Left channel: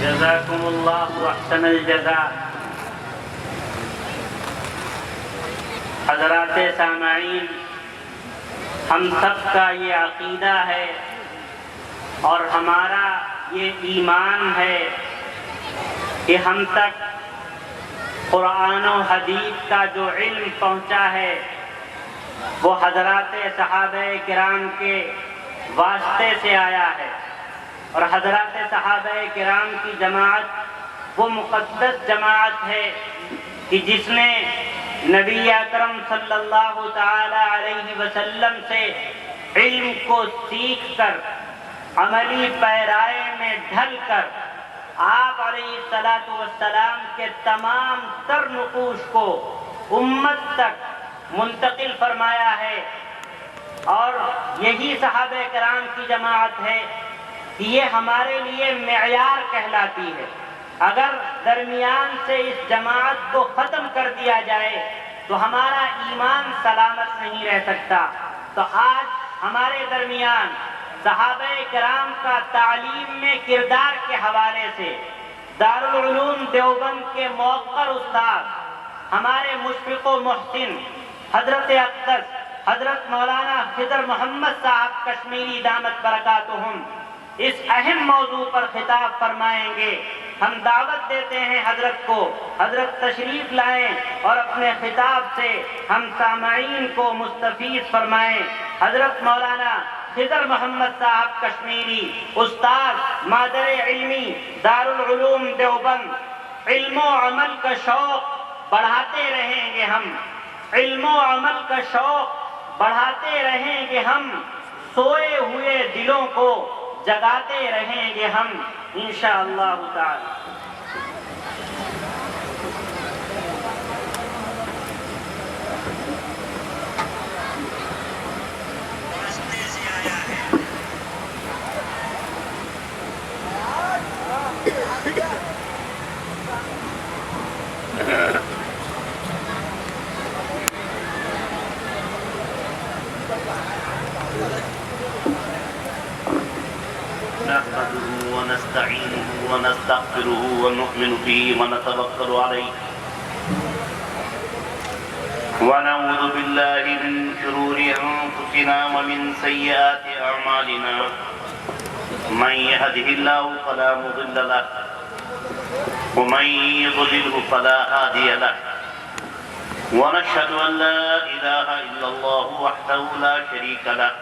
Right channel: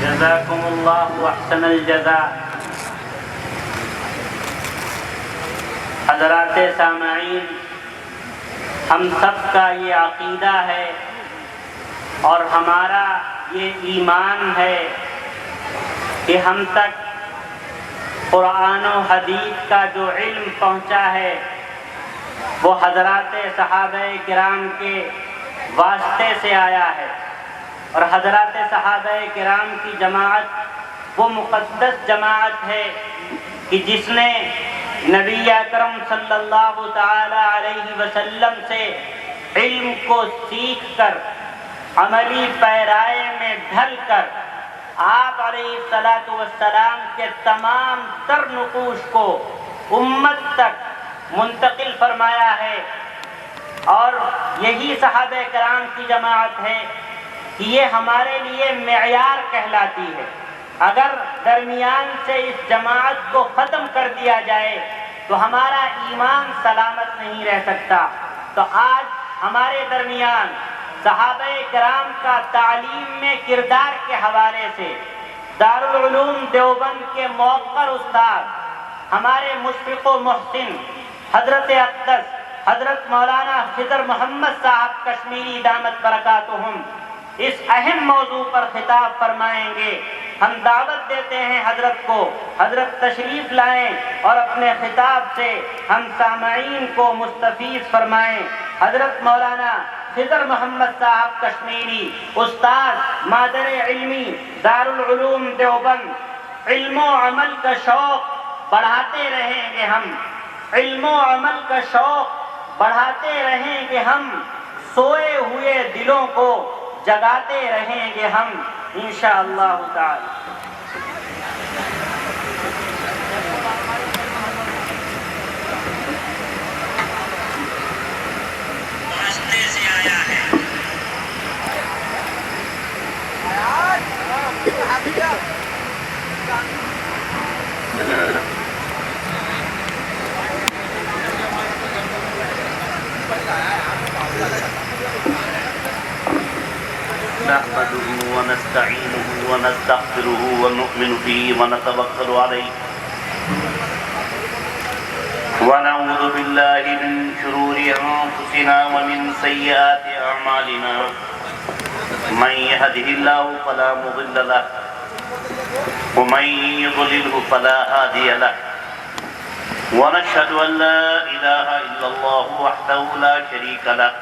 جزاکم اللہ احسن الجزاء۔ حضرات سامعین، ہم سب کا یہ عقیدہ ہے اور ہمارا یہ ایمان ہے کہ ہم تک قرآن و حدیث کا جو علم پہنچا ہے وہ حضرات صحابہ کرام کے واسطے سے آیا ہے، اور حضرات صحابہ کرام کی جماعت وہ مقدس جماعت ہے کہ جس نے نبی اکرم صلی اللہ تعالی علیہ وسلم سے علم کو سیکھ کر عملی پیرائے میں ڈھل کر آپ علیہ الصلاۃ والسلام کے تمام تر نقوش کو امت تک منتقل فرمایا ہے، اور یہی صحابہ کرام کی جماعت ہے کہ یہ ہمارے لیے معیار کہلاتی ہے۔ اگر درمیان سے اس جماعت کو ختم کر دیا جائے تو ہمارا ایمان سلامت نہیں رہ سکتا۔ تو آج ہمارے درمیان صحابہ کرام کا تعلیم میں کردار کے حوالے سے دارالعلوم دیوبند کے موقر استاد ہمارے مشفق و محسن حضرت اقدس حضرت مولانا خضر محمد صاحب کشمیری دامت برکاتہم اس اہم موضوع پر خطاب فرمائیں گے۔ ہم دعوت دیتے ہیں حضرت کو، حضرت تشریف لائیں اور اپنے خطاب سے ہم سامعین کو مستفیض فرمائیں۔ حضرت مولانا خضر محمد صاحب کشمیری، استاد مادر علمی دارالعلوم دیوبند، علم و عمل کا شوق بڑھاتے رہیں گے ہم، علم و عمل کا شوق بڑھاتے رہیں گے ہم، سوئے ہوئے دلوں کو جگاتے رہیں گے ہم انشاءاللہ تعالی۔ نحمده ونستعينه ونستغفره ونؤمن به ونتوكل عليه ونعوذ بالله من شرور أنفسنا ومن سيئات أعمالنا من يهده الله فلا مضل له ومن يضلله فلا هادي له ونشهد أن لا إله إلا الله وحده لا شريك له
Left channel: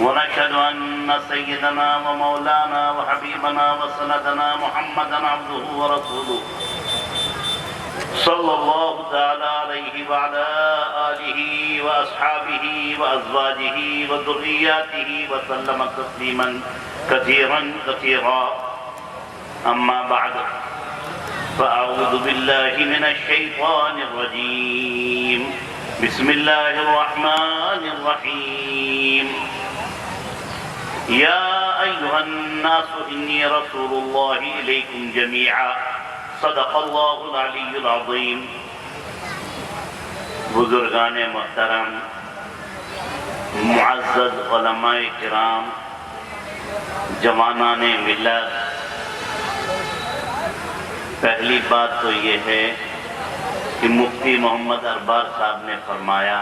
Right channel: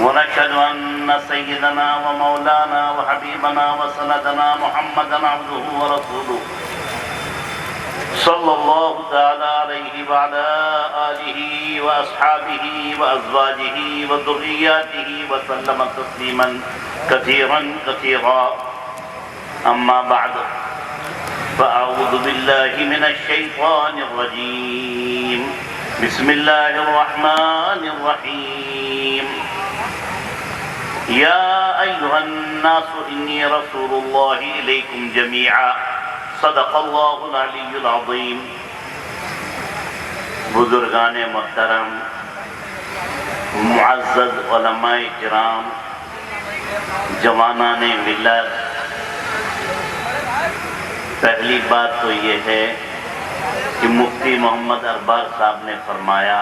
ونشهد أن سيدنا ومولانا وحبيبنا وسندنا محمدا عبده ورسوله صلى الله تعالى عليه وعلى آله وأصحابه وأزواجه وذرياته وسلم تسليما كثيرا كثيرا أما بعد فأعوذ بالله من الشيطان الرجيم بسم الله الرحمن الرحيم يا أيها الناس إني رسول الله إليكم جميعا صدق الله العلي العظيم۔ بزرگان محترم، معزز علماء کرام، جوانان ملت، پہلی بات تو یہ ہے کہ مفتی محمد ارباب صاحب نے فرمایا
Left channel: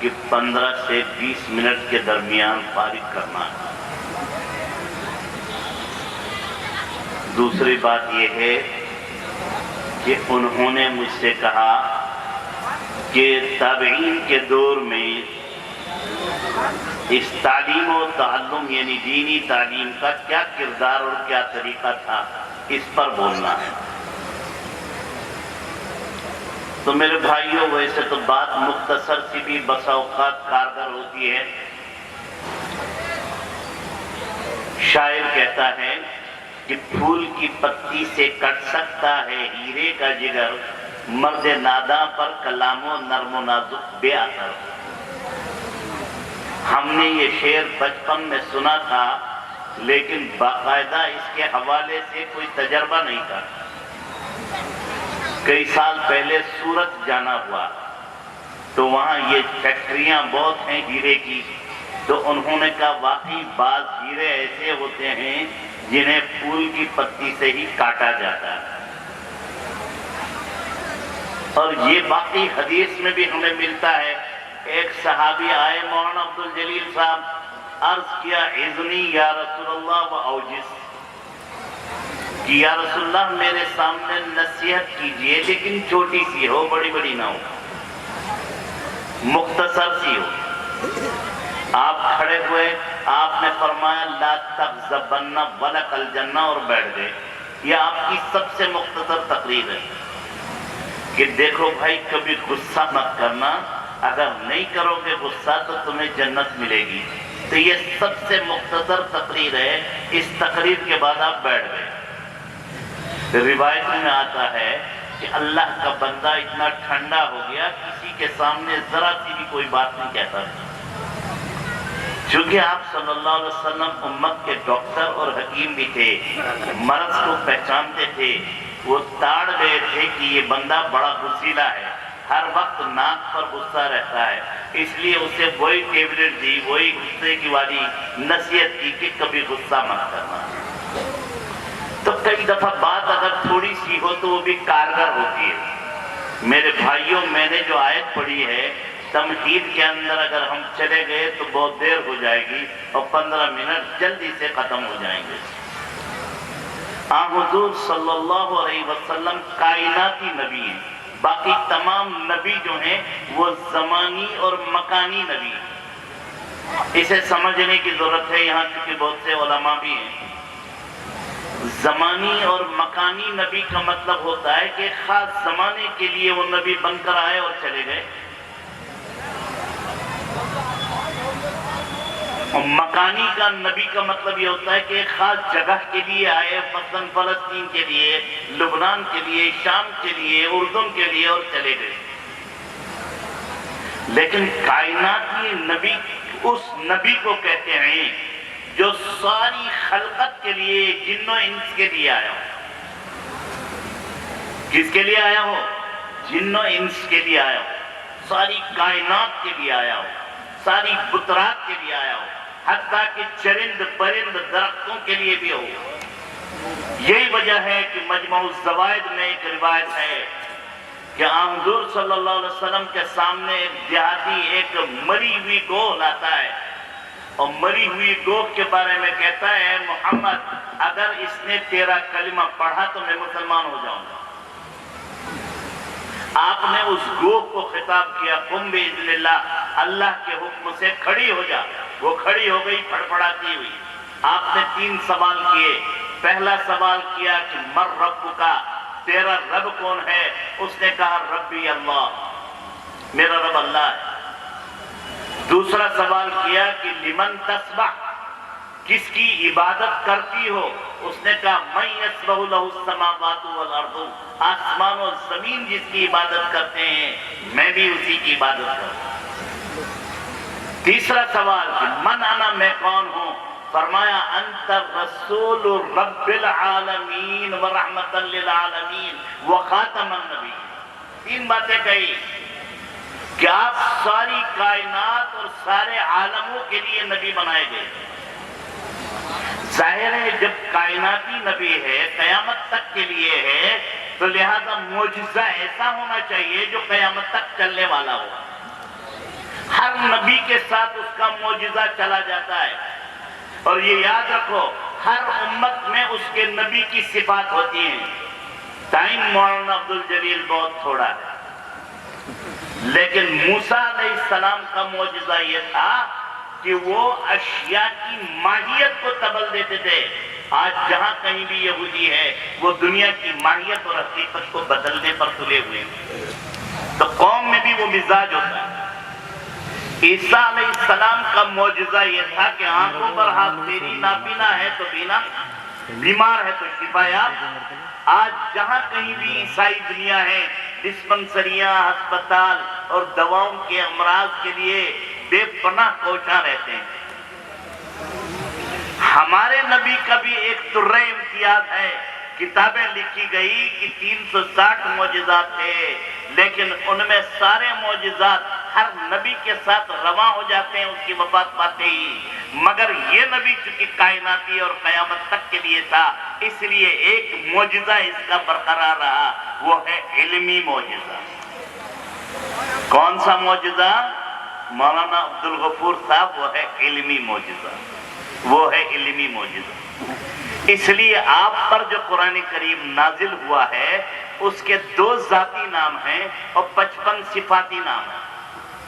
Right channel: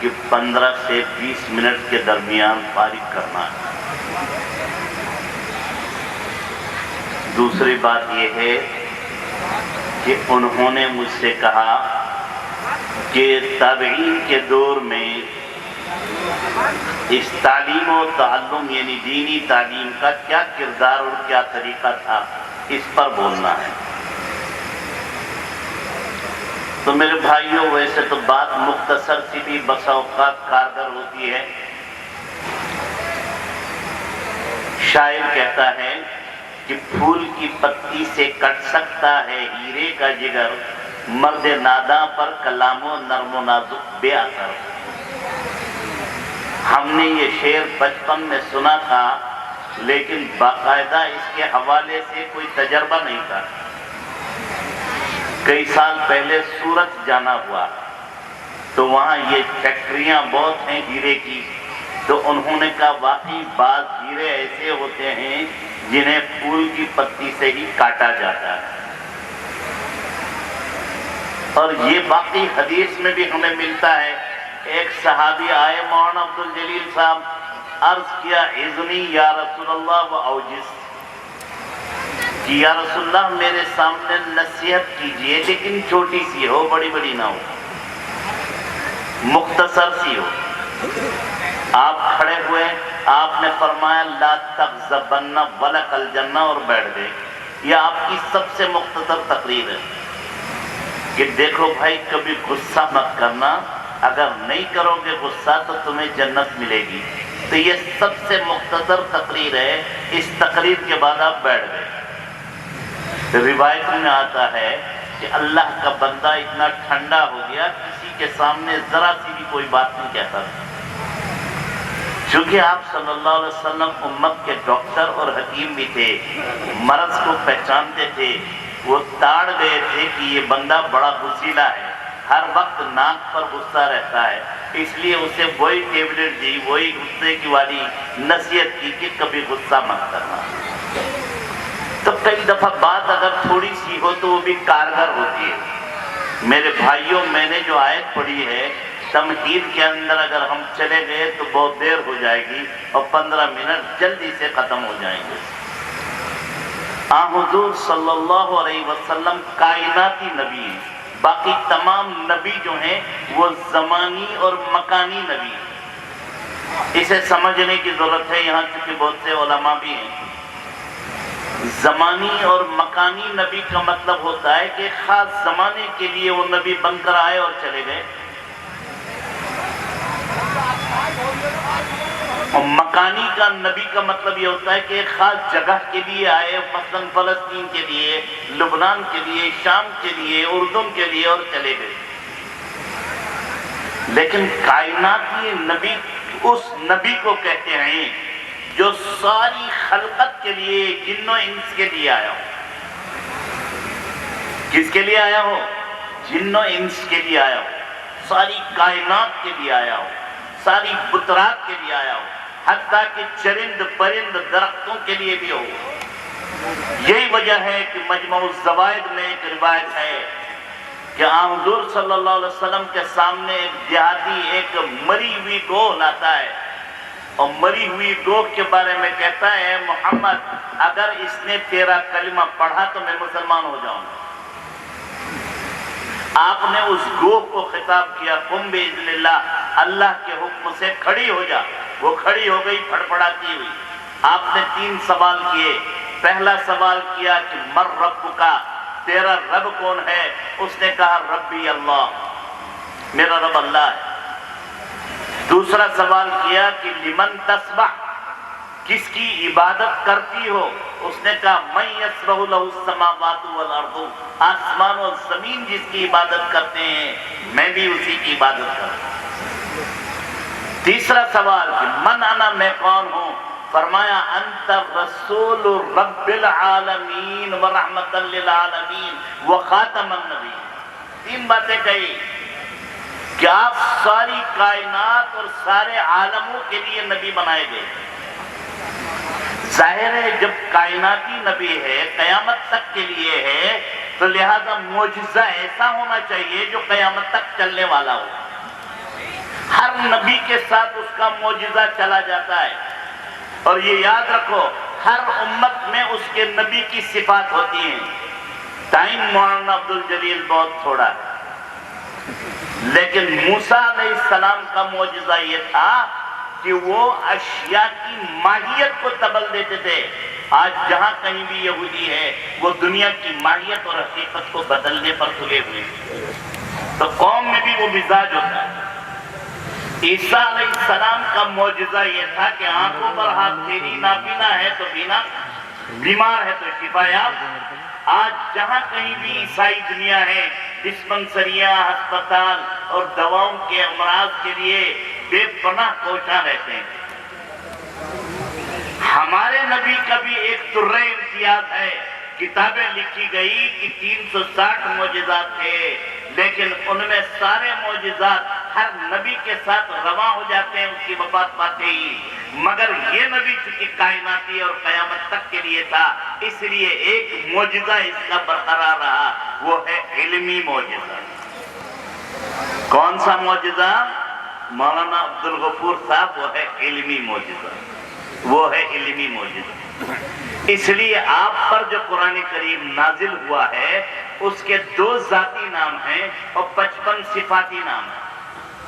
کہ 15 سے 20 منٹ کے درمیان فارغ کرنا ہے۔ دوسری بات یہ ہے کہ انہوں نے مجھ سے کہا کہ تابعین کے دور میں اس تعلیم و تعلم یعنی دینی تعلیم کا کیا کردار اور کیا طریقہ تھا، اس پر بولنا ہے۔ تو میرے بھائیوں، ویسے تو بات مختصر سی بھی بسا اوقات کارگر ہوتی ہے۔ شاعر کہتا ہے کہ پھول کی پتی سے کٹ سکتا ہے ہیرے کا جگر، مرد ناداں پر کلام و نرم و نازک بے اثر۔ ہم نے یہ شعر بچپن میں سنا تھا، لیکن باقاعدہ اس کے حوالے سے کوئی تجربہ نہیں تھا۔ کئی سال پہلے سورت جانا ہوا تو وہاں یہ فیکٹریاں بہت ہیں ہیرے کی، تو انہوں نے کہا واقعی بعض ہیرے ایسے ہوتے ہیں جنہیں پھول کی پتی سے ہی کاٹا جاتا ہے، اور یہ باقی حدیث میں بھی ہمیں ملتا ہے۔ ایک صحابی آئے مولانا عبد الجلیل صاحب، عرض کیا اذنی یا رسول اللہ و اوجز، کہ یا رسول اللہ میرے سامنے نصیحت کیجئے لیکن چھوٹی سی ہو، بڑی بڑی نہ ہو، مختصر سی ہو۔ آپ کھڑے ہوئے، آپ نے فرمایا لا تغضبن ولک الجنہ، اور بیٹھ گئے۔ یہ آپ کی سب سے مختصر تقریر ہے کہ دیکھو بھائی کبھی غصہ مت کرنا، اگر نہیں کرو گے غصہ تو تمہیں جنت ملے گی۔ تو یہ سب سے مختصر تقریر ہے، اس تقریر کے بعد آپ بیٹھ گئے۔ روایت میں آتا ہے کہ اللہ کا بندہ اتنا ٹھنڈا ہو گیا کسی کے سامنے ذرا سی بھی کوئی بات نہیں کہتا تھا، چونکہ آپ صلی اللہ علیہ وسلم امت کے ڈاکٹر اور حکیم بھی تھے، مرض کو پہچانتے تھے۔ وہ تاڑ گئے تھے کہ یہ بندہ بڑا غصیلا ہے، ہر وقت ناک پر غصہ رہتا ہے، اس لیے اسے وہی ٹیبلٹ دی، وہی غصے کی والی نصیحت کی کہ کبھی غصہ مت کرنا۔ تو کئی دفعہ بات اگر تھوڑی سی ہو تو وہ بھی کارگر ہوتی ہے۔ میرے بھائیوں، میں نے جو آیت پڑھی ہے تمہید کے اندر اگر ہم چلے گئے تو بہت دیر ہو جائے گی اور 15 منٹ جلدی سے ختم ہو جائیں گے۔ حضور صلی اللہ علیہ وسلم کائناتی نبی ہیں، باقی تمام نبی جو ہیں وہ زمانی اور مکانی نبی ہیں۔ اسے سمجھنے کی ضرورت ہے، یہاں چونکہ بہت سے علماء بھی ہیں۔ زمانی اور مکانی نبی کا مطلب ہوتا ہے کہ خاص زمانے کے لیے وہ نبی بن کر آئے اور چلے گئے، اور مکانی کا نبی کا مطلب یہ ہوتا ہے کہ ایک خاص جگہ کے لیے آئے، مثلاً فلسطین کے لیے، لبنان کے لیے، شام کے لیے، اردن کے لیے، اور چلے گئے۔ لیکن کائناتی نبی اس نبی کو کہتے ہیں جو ساری خلقت کے لیے، جن و انس کے لیے آیا ہو۔ کس کے لیے آیا ہو؟ جن و انس کے لیے آیا ہو، ساری کائنات کے لیے آیا ہو، ساری فطرات کے لیے آیا ہو، حتیٰ کہ چرند پرند درختوں کے لیے بھی ہو۔ یہی وجہ ہے کہ مجموع الزوائد میں ایک روایت ہے کہ حضور صلی اللہ علیہ وسلم کے سامنے ایک دیہاتی ایک مری ہوئی گوہ لاتا ہے، اور مری ہوئی گوہ کے بارے میں کہتا ہے محمد اگر اس نے تیرا کلمہ پڑھا تو میں مسلمان ہو جاؤں گا۔ آپ نے اس گوہ کو خطاب کیا قم باذن اللہ، اللہ کے حکم سے کھڑی ہو جا۔ وہ کھڑی ہو گئی پھڑپڑاتی ہوئی۔ آپ نے 3 سوال کیے۔ پہلا سوال کیا کہ مر رب کا، تیرا رب کون ہے؟ اس نے کہا ربی اللہ، میرا رب اللہ ہے۔ دوسرا سوال کیا کہ لمن تسبح، کس کی عبادت کرتی ہو؟ اس نے کہا من یسبح لہ السماوات والارض، آسمان و زمین جس کی عبادت کرتے ہیں میں بھی اسی کی عبادت کرتا ہوں۔ تیسرا سوال کہ من انا، میں کون ہوں؟ فرمایا انت رسول رب العالمین ورحمۃ للعالمین وخاتم النبی۔ 3 باتیں کہی کہ آپ ساری کائنات اور سارے عالموں کے لیے نبی بنائے گئے۔ ظاہر ہے جب کائناتی نبی ہے، قیامت تک کے لیے ہے، تو لہذا معجزہ ایسا ہونا چاہیے جو قیامت تک چلنے والا ہو۔ ہر نبی کے ساتھ اس کا معجزہ چلا جاتا ہے، اور یہ یاد رکھو ہر امت میں اس کے نبی کی صفات ہوتی ہیں۔ ٹائم مولانا عبد الجلیل بہت تھوڑا ہے، لیکن موسیٰ علیہ السلام کا معجزہ یہ تھا کہ وہ اشیاء کی ماہیت کو تبدیل دیتے تھے۔ آج جہاں کہیں بھی یہودی ہے وہ دنیا کی ماہیت اور حقیقت کو بدلنے پر تلے ہوئے، تو قوم میں بھی وہ مزاج ہوتا ہے۔ عیسیٰ علیہ السلام کا معجزہ یہ تھا کہ آنکھوں پر ہاتھ پھیری، نابینا ہے تو بینا، بیمار ہے تو شفا یاب۔ آج جہاں کہیں بھی عیسائی دنیا ہے، ڈسپنسریاں، ہسپتال اور دواؤں کے امراض کے لیے بے پناہ کوشاں رہتے ہیں۔ ہمارے نبی کا بھی ایک طرح امتیاز ہے، کتابیں لکھی گئی کہ 360 معجزات تھے، لیکن ان میں سارے معجزات ہر نبی کے ساتھ رواں ہو جاتے ہیں اس کی وفات پاتے ہی، مگر یہ نبی چونکہ کائناتی اور قیامت تک کے لیے تھا، اس لیے ایک معجزہ اس کا برقرار رہا، وہ ہے علمی معجزہ۔ کون سا معجزہ؟ مولانا عبدالغفور صاحب، وہ ہے علمی معجزہ، وہ ہے علمی معجزہ۔ اس لیے آپ پر جو قرآن کریم نازل ہوا ہے اس کے 2 ذاتی نام ہیں اور 55 صفاتی نام ہیں۔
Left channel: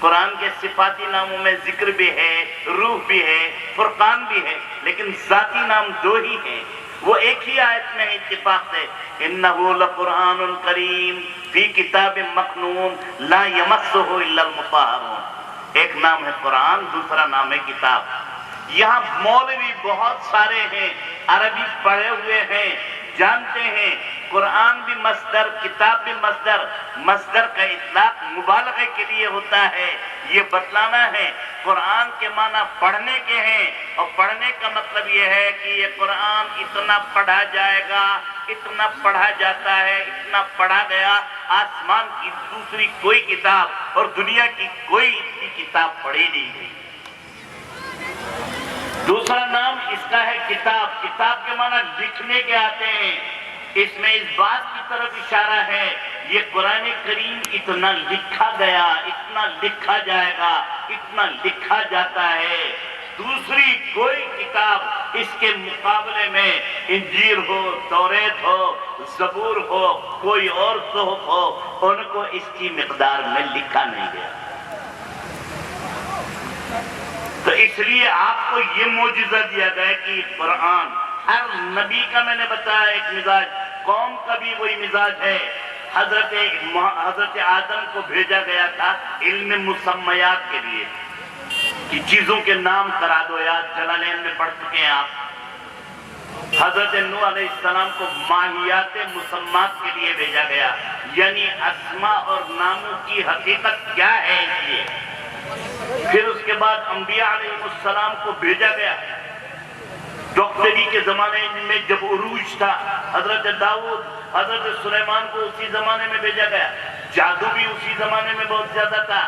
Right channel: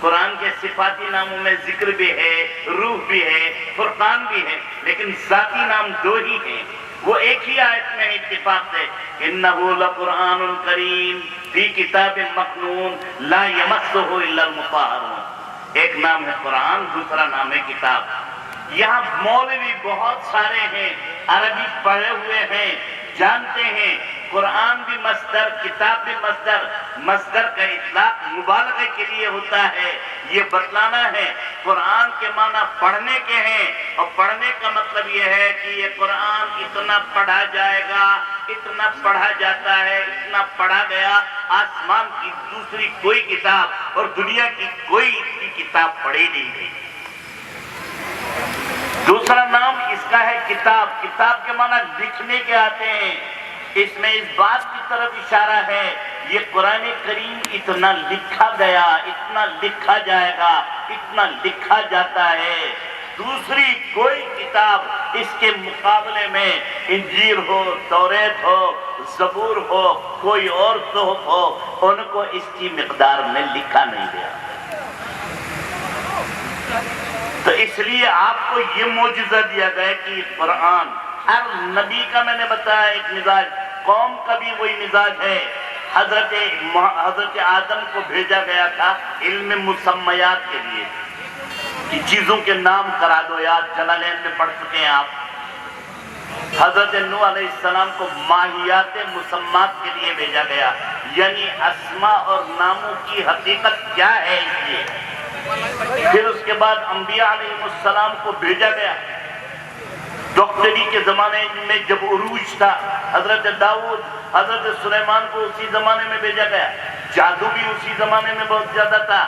قرآن کے صفاتی ناموں میں ذکر بھی ہے، روح بھی ہے، فرقان بھی ہے، لیکن ذاتی نام 2 ہی ہیں۔ وہ ایک ہی آیت میں اتفاق سے إِنَّهُ لَقُرْآنٌ كَرِيمٌ فِي كِتَابٍ مَّكْنُونٍ لَا يَمَسُّهُ إِلَّا الْمُطَهَّرُونَ۔ ایک نام ہے قرآن، دوسرا نام ہے کتاب۔ یہاں مولوی بہت سارے ہیں، عربی پڑھے ہوئے ہیں، جانتے ہیں قرآن بھی مصدر، کتاب بھی مصدر۔ مصدر کا اطلاق مبالغے کے لیے ہوتا ہے، یہ بتلانا ہے قرآن کے معنی پڑھنے کے ہیں، اور پڑھنے کا مطلب یہ ہے کہ یہ قرآن اتنا پڑھا جائے گا، اتنا پڑھا جاتا ہے، اتنا پڑھا گیا۔ آسمان کی دوسری کوئی کتاب اور دنیا کی کوئی اتنی کتاب پڑھی نہیں گئی۔ دوسرا نام اس کا ہے کتاب۔ کتاب کے معنی لکھنے کے آتے ہیں۔ اس میں اس بات کی طرف اشارہ ہے یہ قرآن کریم اتنا لکھا گیا، اتنا لکھا جائے گا، اتنا لکھا جاتا ہے، دوسری کوئی کتاب اس کے مقابلے میں انجیل ہو، توریت ہو، زبور ہو، کوئی اور صحف ہو، ان کو اس کی مقدار میں لکھا نہیں گیا۔ تو اس لیے آپ کو یہ معجزہ دیا گیا کہ قرآن، ہر نبی کا میں نے بتایا ایک مزاج، قوم کا بھی وہی مزاج ہے۔ حضرت آدم کو بھیجا گیا تھا علم مسمیات کے لیے کہ چیزوں کے نام کرا دو، یاد جلالین میں پڑھ چکے ہیں آپ۔ حضرت نوح علیہ السلام کو ماہیات مسمات کے لیے بھیجا گیا، یعنی اسماء اور ناموں کی حقیقت کیا ہے اس لیے۔ پھر اس کے بعد انبیاء علیہ السلام کو بھیجا گیا۔ ڈاکٹری کے زمانے میں جب عروج تھا، حضرت داؤد، حضرت سلیمان کو اسی زمانے میں بھیجا گیا۔ جادو بھی اسی زمانے میں بہت زیادہ تھا،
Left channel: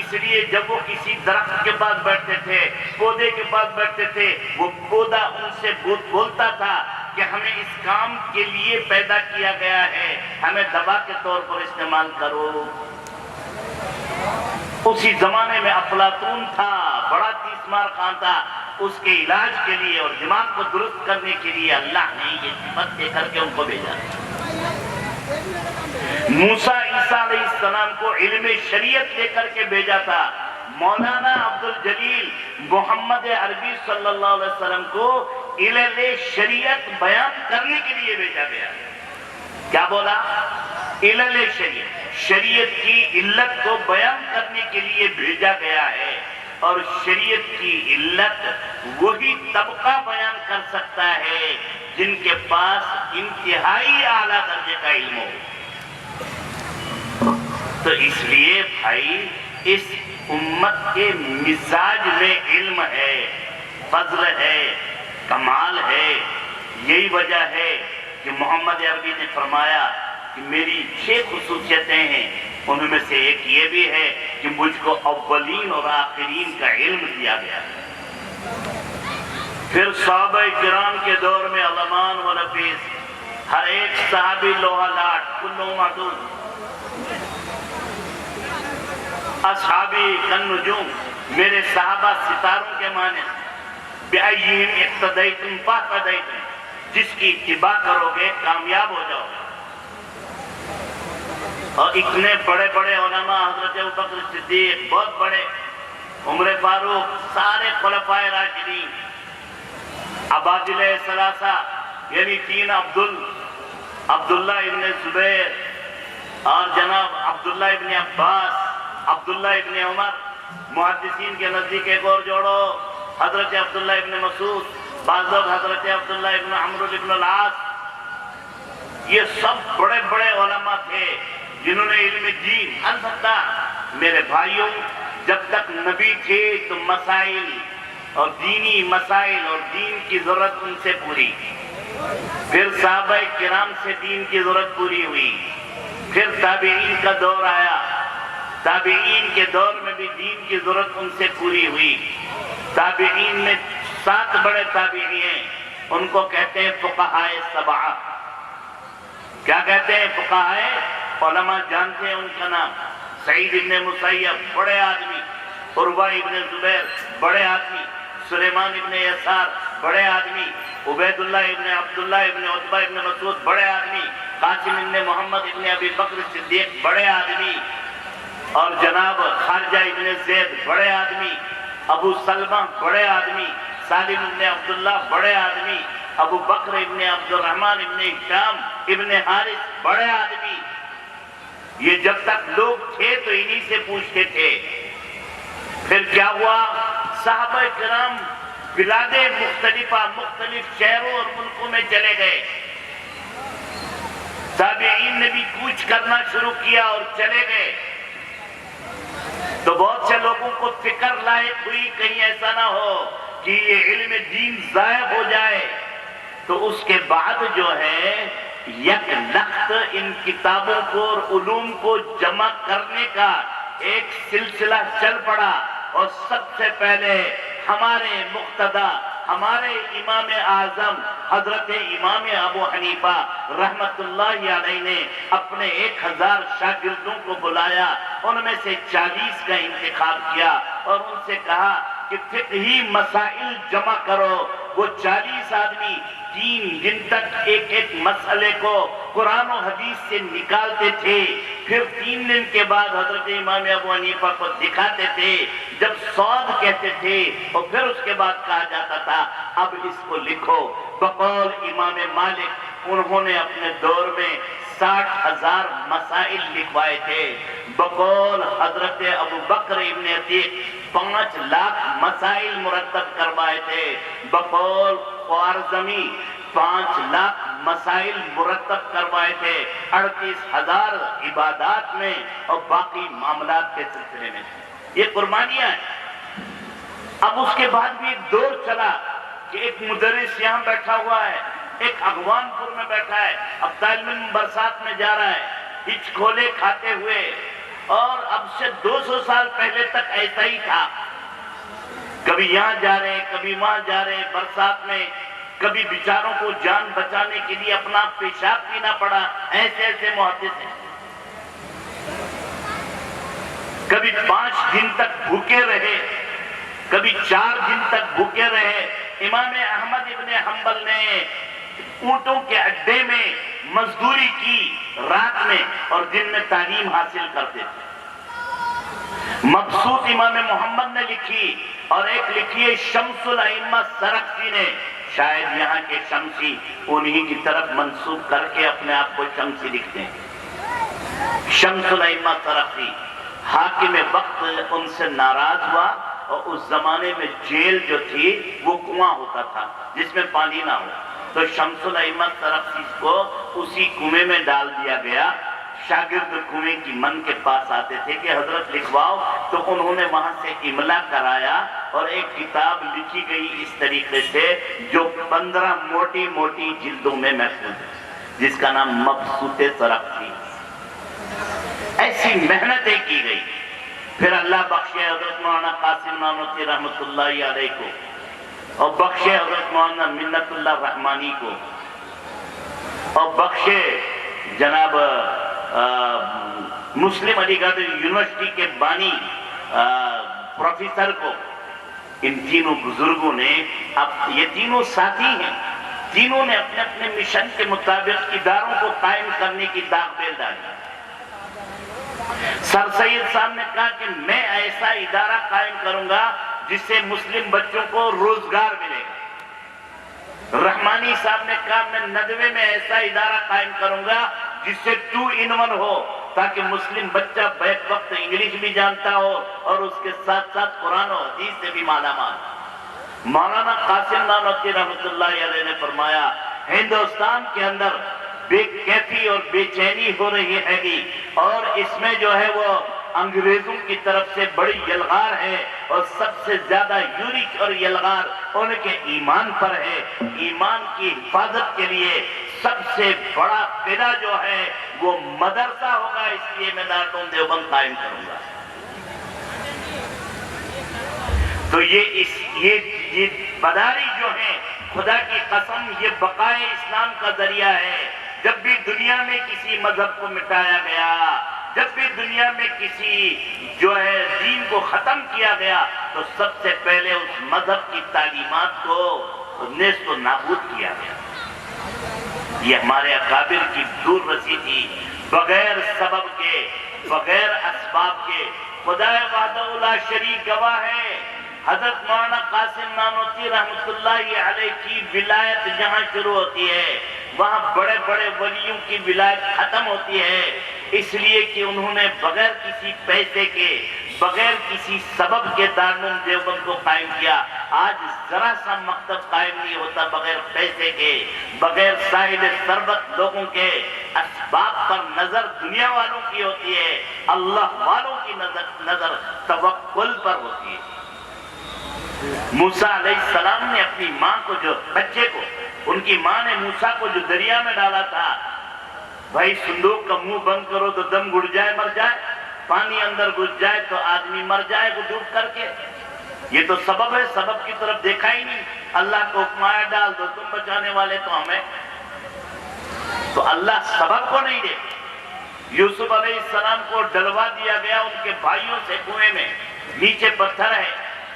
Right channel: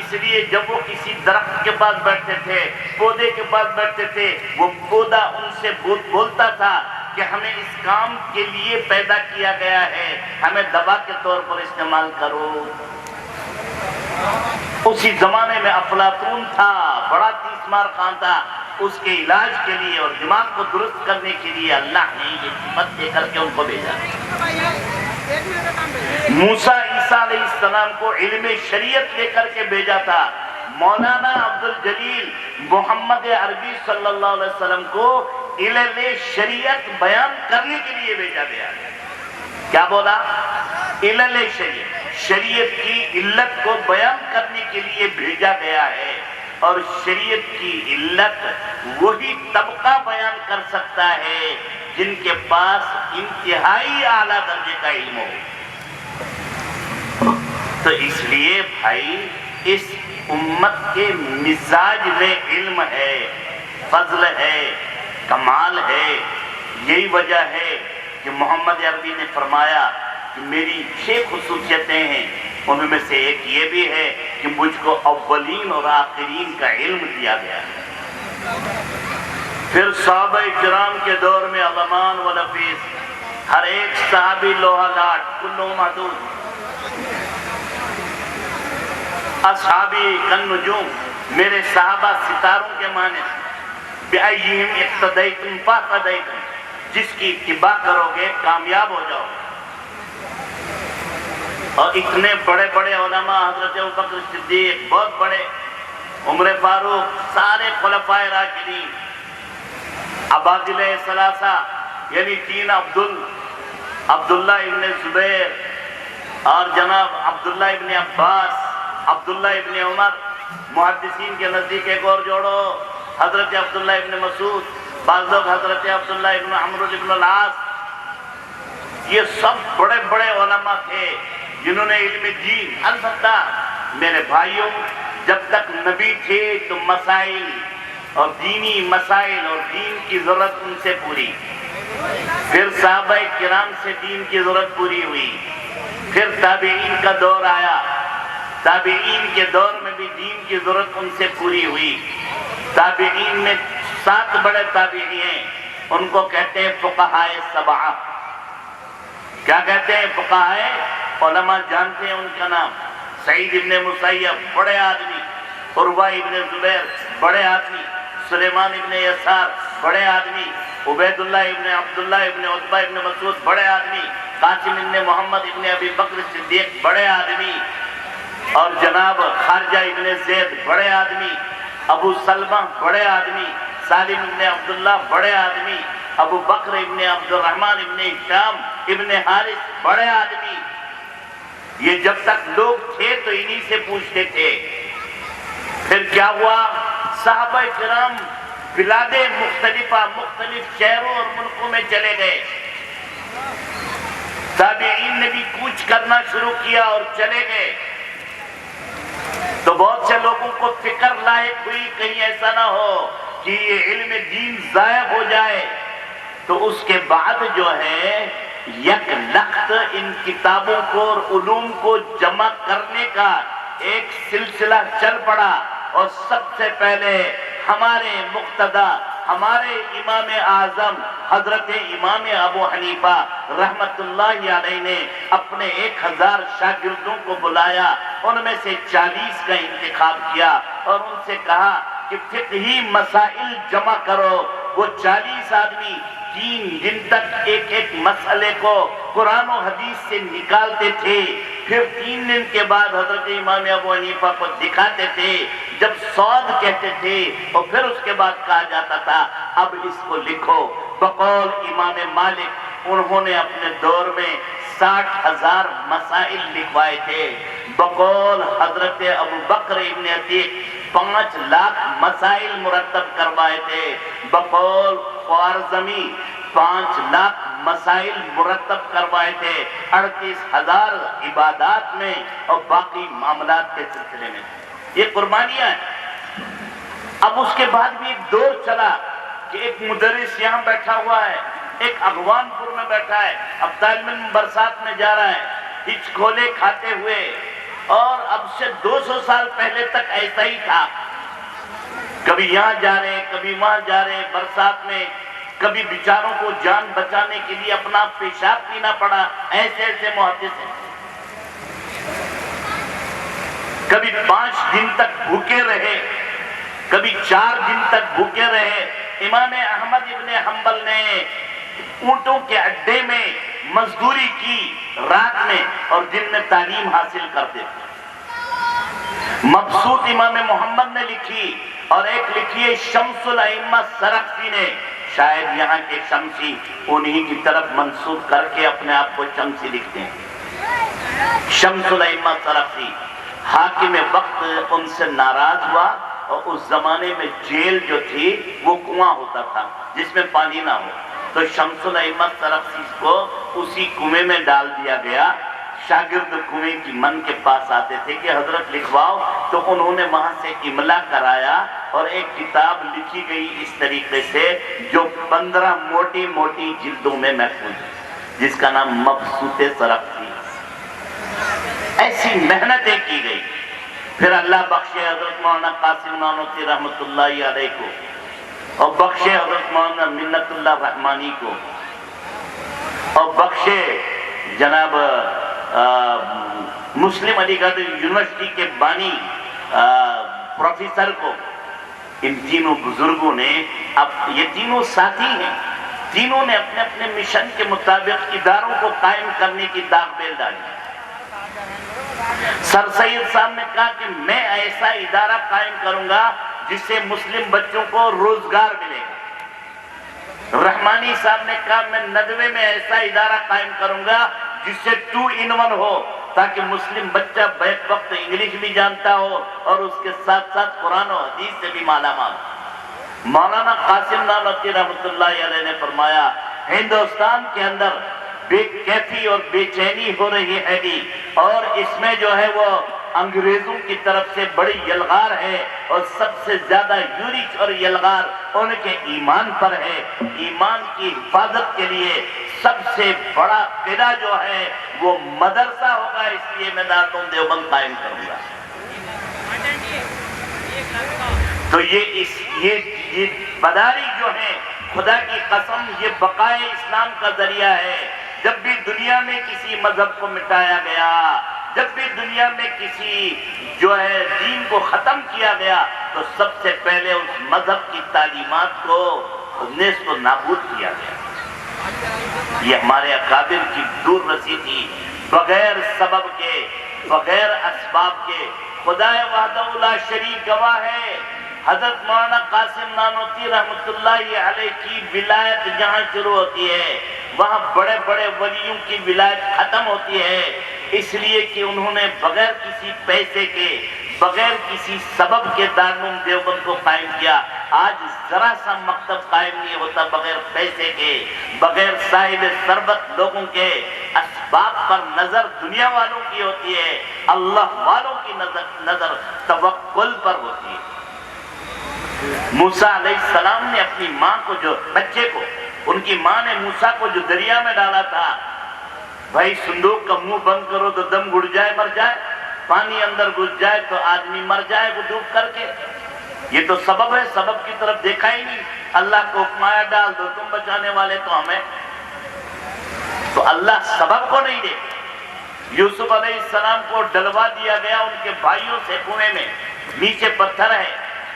اس لیے جب وہ کسی درخت کے پاس بیٹھتے تھے، پودے کے پاس بیٹھتے تھے، وہ پودا ان سے بولتا تھا کہ ہمیں اس کام کے لیے پیدا کیا گیا ہے، ہمیں دوا کے طور پر استعمال کرو۔ اسی زمانے میں افلاطون تھا، بڑا تیسمار خان تھا، اس کے علاج کے لیے اور دماغ کو درست کرنے کے لیے اللہ نے یہ صفت دے کر کے ان کو بھیجا۔ موسیٰ عیسیٰ علیہ السلام کو علم شریعت لے کر کے بھیجا تھا۔ مولانا عبدالجلیل محمد عربی صلی اللہ علیہ وسلم کو علم شریعت بیان کرنے کے لیے بھیجا گیا۔ کیا بولا؟ علم شریعت، شریعت کی علت کو بیان کرنے کے لیے بھیجا گیا ہے، اور شریعت کی علت وہی طبقہ بیان کر سکتا ہے جن کے پاس انتہائی اعلیٰ درجے کا علم ہو۔ تو اس لیے بھائی اس امت کے مزاج میں علم ہے، فضل ہے، کمال ہے۔ یہی وجہ ہے کہ محمد عربی نے فرمایا کہ میری 6 خصوصیتیں ہیں، ان میں سے ایک یہ بھی ہے کہ مجھ کو اولین اور آخرین کا علم دیا گیا۔ پھر صحابہ کرام کے دور میں علمان و نفیس، ہر ایک صحابی لوہا لاٹ، کلو محدود۔ اصحابی کن نجوم، میرے صحابہ ستاروں کے معنی، بِأَيِّهِمْ اقتدیتم فاقتدیتم، جس کی اتباع کرو گے کامیاب ہو جاؤ گے۔ اور اتنے بڑے بڑے علماء، حضرت ابوبکر صدیق بہت بڑے، عمر فاروق، سارے خلفائے راشدین، عبادلہ ثلاثہ یعنی 3 عبداللہ ابن زبیر اور جناب عبداللہ ابن عباس، عبداللہ ابن عمر، محدثین کے نزدیک ایک اور جوڑو حضرت عبداللہ ابن مسعود، بعض لوگ حضرت عبداللہ ابن عمرو ابن العاص، یہ سب بڑے بڑے علماء تھے جنہوں نے علم دین۔ البتہ میرے بھائیوں، جب تک نبی تھے تو مسائل اور دینی مسائل اور دین کی ضرورت ان سے پوری، پھر صحابہ کرام سے دین کی ضرورت پوری ہوئی، پھر تابعین کا دور آیا، تابعین کے دور میں بھی دین کی ضرورت ان سے پوری ہوئی۔ تابعین میں 7 بڑے تابعی ہیں، ان کو کہتے ہیں فقہاء سبعہ۔ کیا کہتے ہیں فقہاء؟ علماء جانتے ہیں ان کا نام۔ سعید ابن مسیب بڑے آدمی، عروہ ابن زبیر بڑے آدمی، سلیمان ابن یسار بڑے آدمی، عبید اللہ ابن عبداللہ ابن عتبہ ابن مسعود بڑے آدمی، قاسم ابن محمد ابن ابی بکر صدیق بڑے آدمی، اور جناب خارجہ ابن زید بڑے آدمی، ابو سلمہ بڑے آدمی، سالم ابن عبداللہ بڑے آدمی، ابو بکر ابن عبد الرحمن ابن ہشام ابن حارث بڑے آدمی۔ یہ جب تک لوگ تھے تو انہی سے پوچھتے تھے۔ پھر کیا ہوا؟ صحابہ کرام بلاد مختلفہ مختلف شہروں اور ملکوں میں چلے گئے، تابعین نے بھی کوچ کرنا شروع کیا اور چلے گئے، تو بہت سے لوگوں کو فکر لاحق ہوئی کہیں ایسا نہ ہو کہ یہ علم دین ضائع ہو جائے، تو اس کے بعد جو ہے یک لخت ان کتابوں کو اور علوم کو جمع کرنے کا ایک سلسلہ چل پڑا، اور سب سے پہلے ہمارے مقتدی، ہمارے امام اعظم حضرت امام ابو حنیفہ رحمت اللہ علیہ نے اپنے 1000 شاگردوں کو بلایا، ان میں سے 40 کا انتخاب کیا اور ان سے کہا کہ فقہی مسائل جمع کرو۔ وہ 40 آدمی 3 دن تک ایک ایک مسئلے کو قرآن و حدیث سے نکالتے تھے، پھر 3 دن کے بعد حضرت امام ابو حنیفہ کو دکھاتے تھے، جب صاد کہتے تھے اور پھر اس کے بعد کہا جاتا تھا اب اس کو لکھو۔ بقول امام مالک انہوں نے اپنے دور میں 60,000 مسائل لکھوائے تھے، بقول حضرت ابو بکر ابن عتیق 5 لاکھ مسائل مرتب کروائے تھے، بقول خوارزمی 5 لاکھ مسائل مرتب کروائے تھے 38,000 عبادات میں اور باقی معاملات کے سلسلے میں۔ یہ قربانیاں ہیں۔ اب اس کے بعد بھی ایک دور چلا کہ ایک مدرس یہاں بیٹھا ہوا ہے، ایک اغوان پور میں بیٹھا ہے، اب طالب علم برسات میں جا رہا ہے ہچ کھولے کھاتے ہوئے، اور اب سے 200 سال پہلے تک ایسا ہی تھا، کبھی یہاں جا رہے کبھی وہاں جا رہے برسات میں، کبھی بیچاروں کو جان بچانے کے لیے اپنا پیشاب پینا پڑا، ایسے ایسے محدث ہیں، کبھی 5 دن تک بھوکے رہے، کبھی 4 دن تک بھوکے رہے۔ امام احمد ابن حنبل نے اونٹوں کے اڈے میں مزدوری کی رات میں اور دن میں تعلیم حاصل کرتے تھے۔ مبسوط امام محمد نے لکھی، اور ایک لکھی ہے شمس الائمہ سرخسی نے، شاید یہاں کے شمسی انہی کی طرف منسوب کر کے اپنے آپ کو شمسی لکھتے ہیں۔ شمس الائمہ سرخسی حاکم وقت ان سے ناراض ہوا، اور اس زمانے میں جیل جو تھی وہ کنواں ہوتا تھا جس میں پانی نہ ہو، تو شمس الائمہ سرخسی کو اسی کنویں میں ڈال دیا گیا۔ شاگرد کنویں کی من کے پاس آتے تھے کہ حضرت لکھواؤ، تو انہوں نے وہاں سے املا کرایا اور ایک کتاب لکھی گئی اس طریقے سے جو 15 موٹی موٹی جلدوں میں محفوظ ہے، جس کا نام مبسوط سرخسی۔ ایسی محنتیں کی گئی۔ پھر اللہ بخشے حضرت مولانا قاسم نانوتوی رحمت اللہ علیہ کو، اور بخشے حضرت مولانا منت اللہ رحمانی کو، اور بخشے جناب مسلم علی گڑھ یونیورسٹی کے بانی پروفیسر کو۔ ان تینوں بزرگوں نے، اب یہ تینوں ساتھی ہیں، تینوں نے اپنے اپنے مشن کے مطابق اداروں کو قائم کرنے کی داغ بیل ڈالی۔ سر سید صاحب نے کہا کہ میں ایسا ادارہ قائم کروں گا جس سے مسلم بچوں کو روزگار ملے گا۔ رحمانی صاحب نے کہا میں ندوے میں ایسا ادارہ قائم کروں گا جس سے 2 in 1 ہو، تاکہ مسلم بچہ بیک وقت انگلش بھی جانتا ہو اور اس کے ساتھ ساتھ قرآن و حدیث سے بھی مالا مال۔ مولانا قاسم نانوتوی رحمت اللہ علیہ نے فرمایا ہندوستان کے اندر بے کیفی اور بے چینی ہو رہی ہے گی، اور اس میں جو ہے وہ انگریزوں کی طرف سے بڑی یلغار ہے، اور سب سے زیادہ یورش اور یلغار ان کے ایمان پر ہے۔ ایمان کی حفاظت کے لیے سب سے بڑا قلعہ جو ہے وہ مدرسہ ہوگا، اس لیے میں دارالعلوم دیوبند قائم کروں گا۔ تو یہ بداری جو ہے، خدا کی قسم یہ بقائے اسلام کا ذریعہ ہے۔ جب بھی دنیا میں کسی مذہب کو مٹایا گیا، جب بھی دنیا میں کسی جو ہے دین کو ختم کیا گیا، تو سب سے پہلے اس مذہب کی تعلیمات کو نیست و نابود کیا گیا۔ یہ ہمارے اکابر کی دور رسی تھی، بغیر سبب کے، بغیر اسباب کے۔ خدا وحدہ لا شریک گواہ ہے، حضرت مولانا قاسم نانوتوی رحمۃ اللہ علیہ کی ولایت جہاں شروع ہوتی ہے، وہاں بڑے بڑے ولیوں کی ولایت ختم ہوتی ہے، اس لیے کہ انہوں نے بغیر کسی پیسے کے، بغیر کسی سبب کے دارالعلوم دیوبند کو قائم کیا۔ آج ذرا سا مکتب قائم نہیں ہوتا بغیر پیسے کے، بغیر صاحب ثروت لوگوں کے۔ اسباب پر نظر دنیا والوں کی ہوتی ہے، اللہ والوں کی نظر توکل پر ہوتی ہے۔ موسیٰ علیہ السلام نے اپنی ماں کو، جو بچے کو، ان کی ماں نے موسیٰ کو جو دریا میں ڈالا تھا، بھائی صندوق کا منہ بند کرو تو دم گھٹ جائے مر جائے، پانی اندر گھس جائے تو آدمی مر جائے وہ ڈوب کر کے۔ یہ تو سبب ہے، سبب کی طرف دیکھا ہی نہیں۔ اللہ کو حکم آیا ڈال دو، تم بچانے والے تو ہمیں۔ تو اللہ سبب کو نہیں دے۔ یوسف علیہ السلام کو ڈلوا دیا گیا ان کے بھائیوں سے کنویں میں، نیچے پتھر ہے،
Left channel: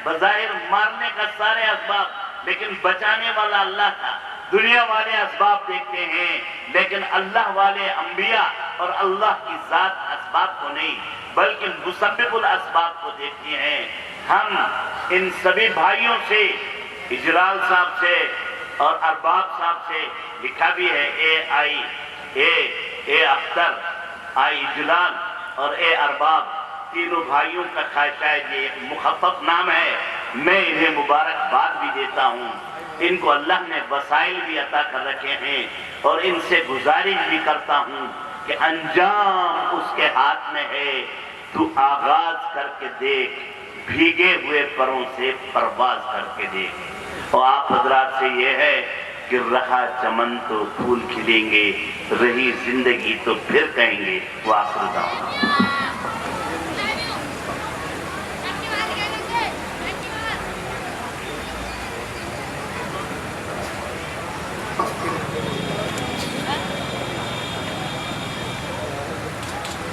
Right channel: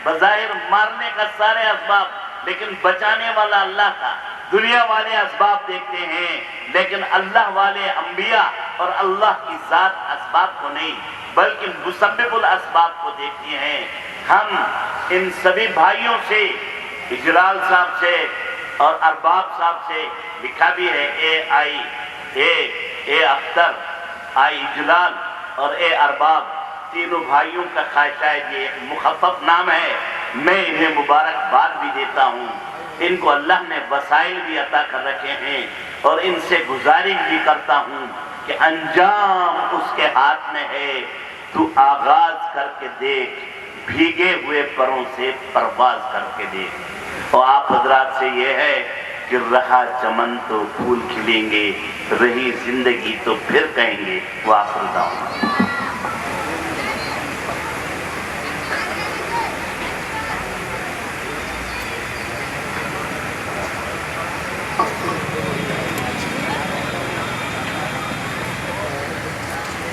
بظاہر مارنے کا سارے اسباب، لیکن بچانے والا اللہ تھا۔ دنیا والے اسباب دیکھتے ہیں، لیکن اللہ والے انبیاء اور اللہ کی ذات اسباب کو نہیں بلکہ مسبب الاسباب کو دیکھتے ہیں۔ ہم ان سبھی بھائیوں سے، اجلال صاحب سے اور ارباب صاحب سے لکھا بھی ہے، اے اختر، آئی اجلال اور اے ارباب، تینوں بھائیوں کا شاید یہ ایک مخفف نام ہے۔ میں انہیں مبارکباد بھی دیتا ہوں، ان کو اللہ نے وسائل بھی عطا کر رکھے ہیں، اور ان سے گزارش بھی کرتا ہوں کہ انجام اس کے ہاتھ میں ہے، تو آغاز کر کے دیکھ، بھیگے ہوئے پروں سے پرواز کر کے دیکھ۔ اور آپ حضرات سے یہ ہے کہ رہا چمن تو پھول کھلیں گے، رہی زندگی تو پھر کہیں گے۔ وآخر دعوانا۔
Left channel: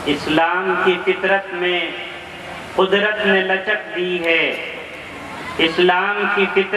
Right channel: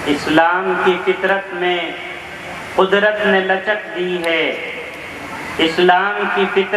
اسلام کی فطرت میں قدرت نے لچک دی ہے، اسلام کی فطرت